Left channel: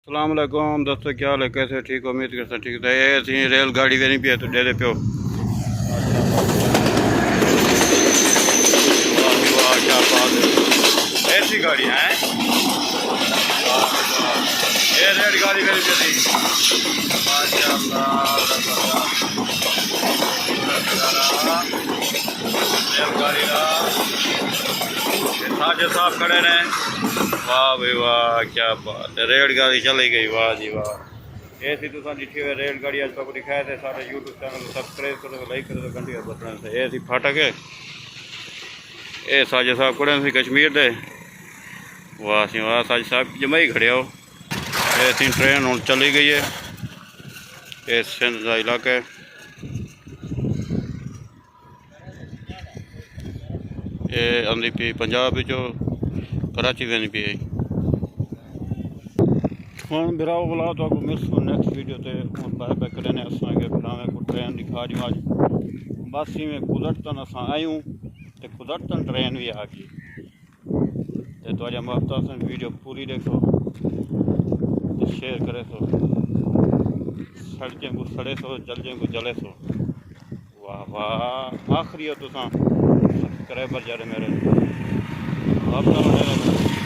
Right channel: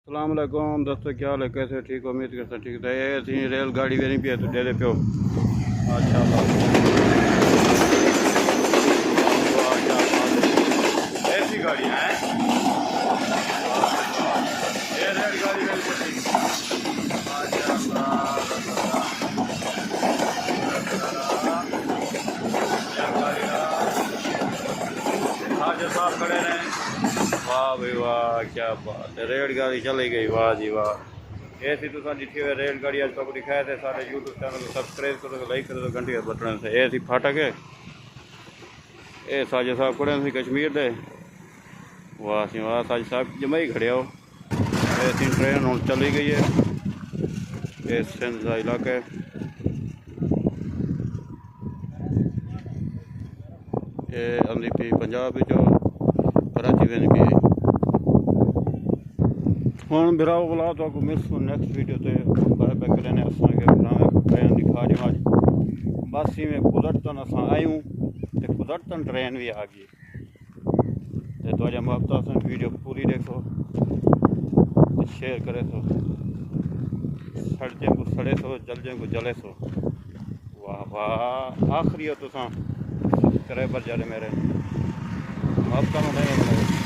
अस्सलाम वालेकुम दोस्तों, क्या हाल है? कैसे? ठीक हो? उम्मीद करते हैं ठीक है। ये थी रेलगाड़ी वेनी पे तो डेरे पे हो। वाह जी वाह, क्या बात है! ऐसी गाड़ी है। ये रेलगाड़ी वेनी पे थी। माशाअल्लाह, रेलगाड़ी ना साजे साहब खड़े रहे। वाह भाई वाह, क्या बात है! रेलगाड़ी चली गई, वाह जी वाह। ऐसी तुसा डिठी हुई रेलगाड़ी आज तक दिखाए थे। सारे यूट्यूब चैनल को सब्सक्राइब करो, लाइक करो, घंटी का बटन से। ऐसी फाटक है। ये साजे साहब खड़े थे कश्मीर दे। वाह सी वाह, साजे साहब जमा ही खड़े हो। ऐसी ट्रेन हूँ चली गई है। ये सिंध का इलाका है। ये आंदी पी पंजाब जो कराची वेंदी पी है। हूँ बिराओ बुलाओ तो मिलसो नेक्स्ट वीडियो ते बाय बाय करें। असा के बनावे को ट्रेन दिखा दी आज। बस में कुदरतन असा आयूँ तो कुदरतन ट्रेन भी आ गई। तो तुझा मोहब्बत वीडियो पूरी देखो तो शेयर करे सो। सड़जें को सड़े सो, जलजें को जले सो। वाह वाह, आखिरी हो तुसा सब्सक्राइबर जरे मेरे मोहब्बत में